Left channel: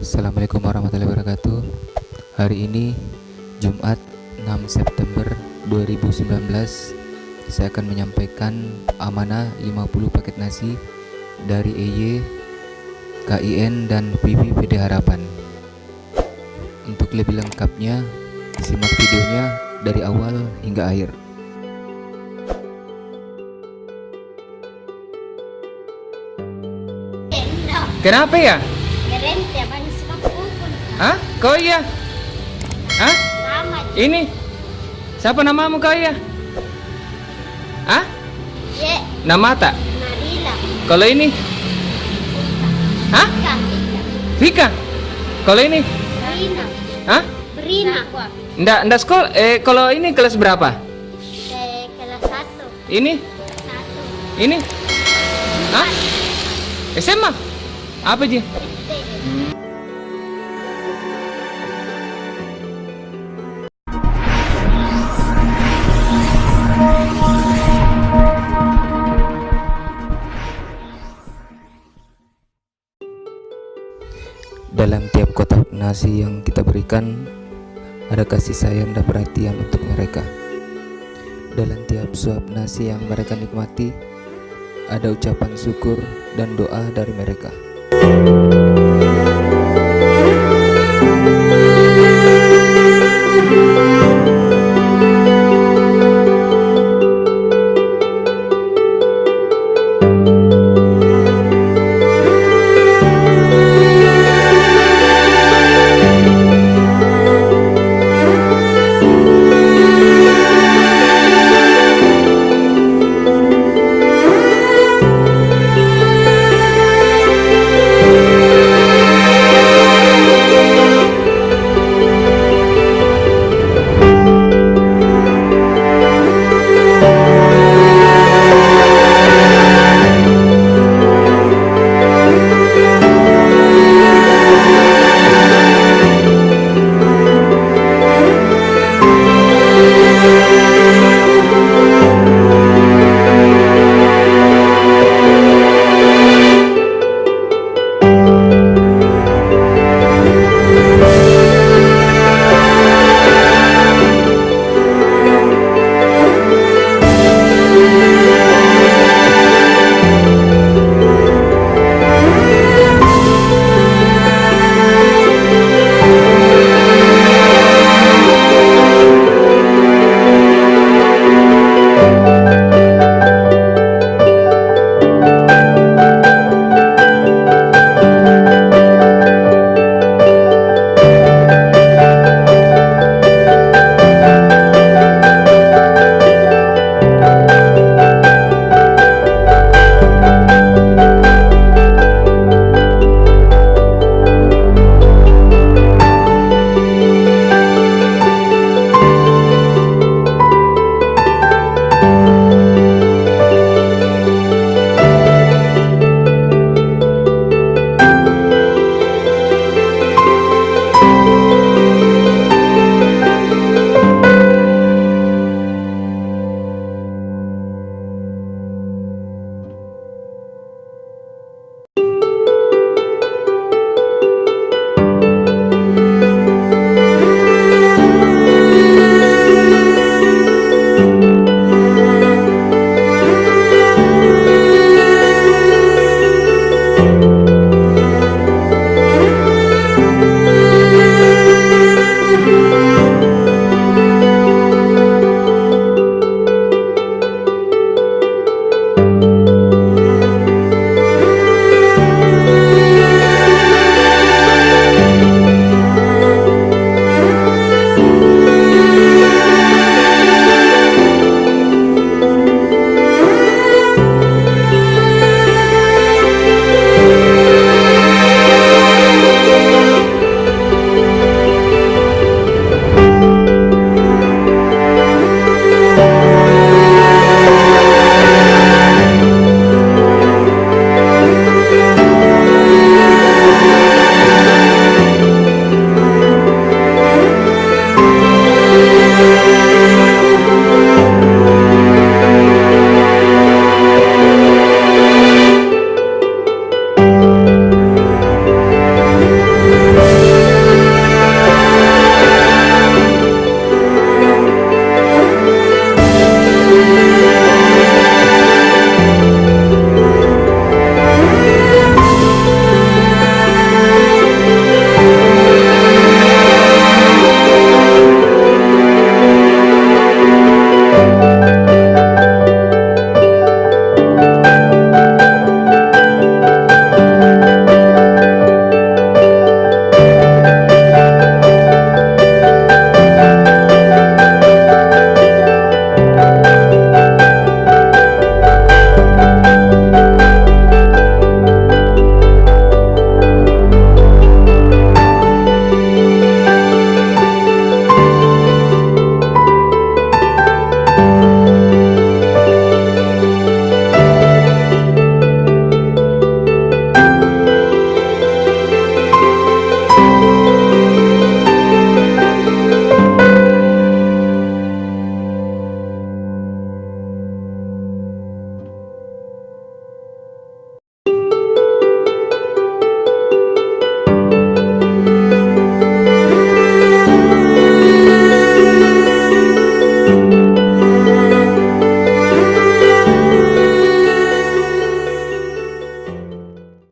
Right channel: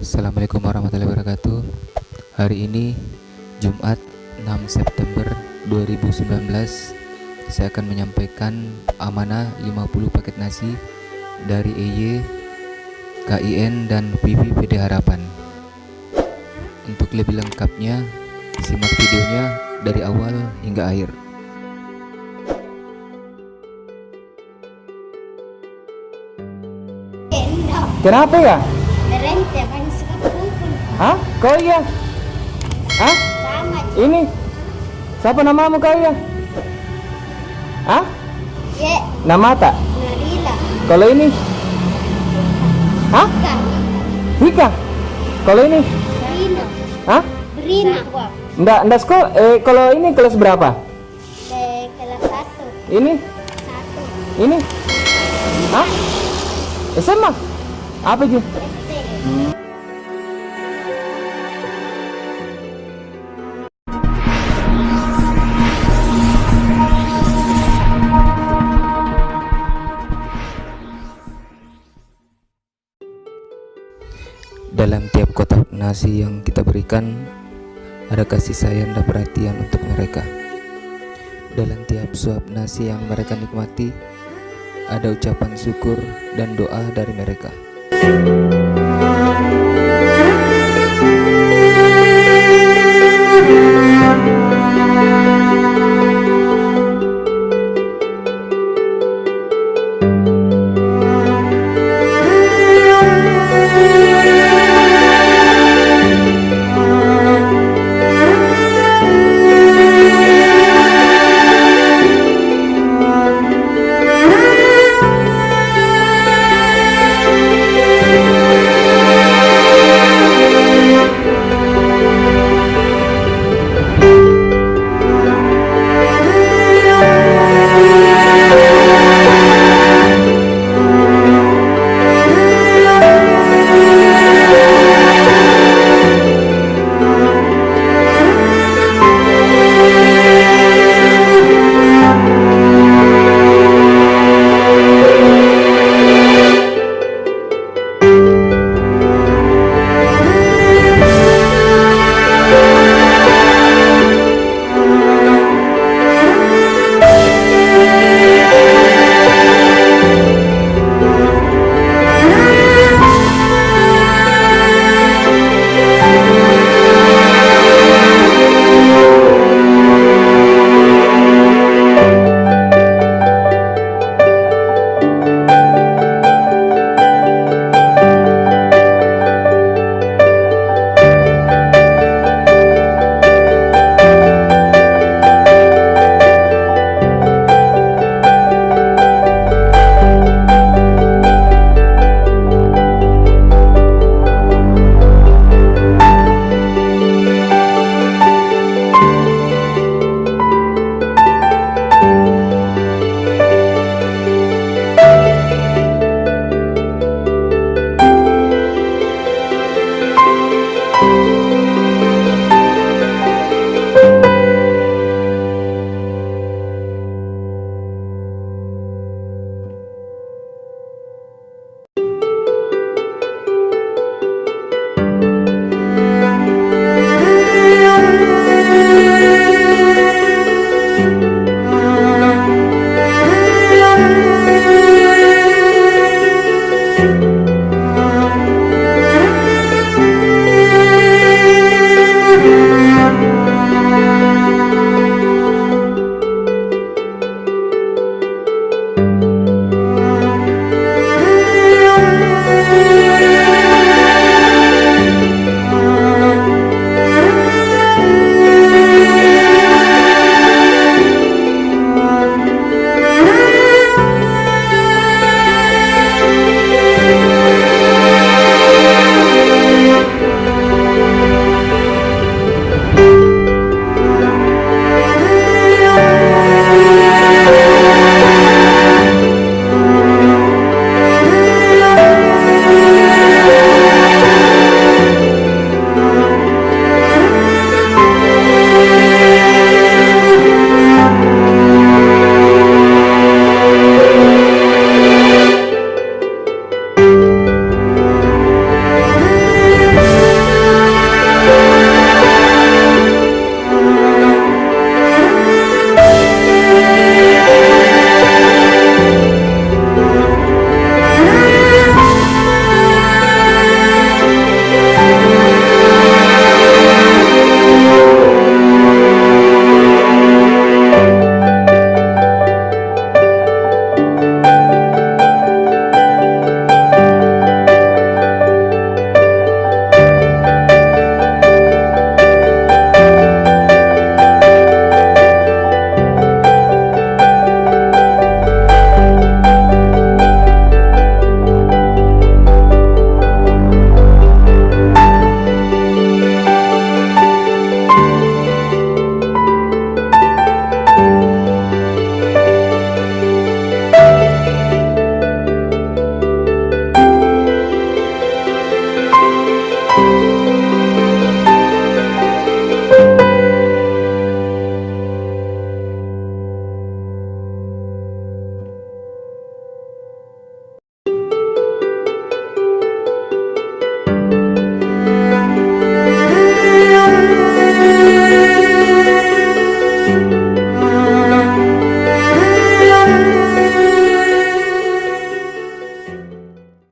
Assalamualaikum warahmatullahi wabarakatuh. Hari ini Jumat 6 September 2019, saya akan menyampaikan amanah 50 paket nasi dari EY, KIN dan PB PD Harapan. Untuk lebih lengkapnya, simak videonya dari awal hingga akhir. Kenapa ya? Kering tiap hari suka kumpul. Hah? Kau iya? Hah? Sama aja. Ini? Siapa namamu kau iya? Hah? Dek, Nama tak? Nabila. Kalau ini? Hah? Kak, Vika? Kalau ini? Rina. Hah? Rina. Nggak sekolah. Kalau ini kelas berapa? Kelas 1. Ini? Ini? Hah? SMA? Apa sih? Dalam tiap kotak nasi yang kita berikan, ada kasih sayang dan perhatian untuk mereka. Dalam tiap suap nasi yang mereka nikmati, ada ucapan syukur dan doa dari mereka.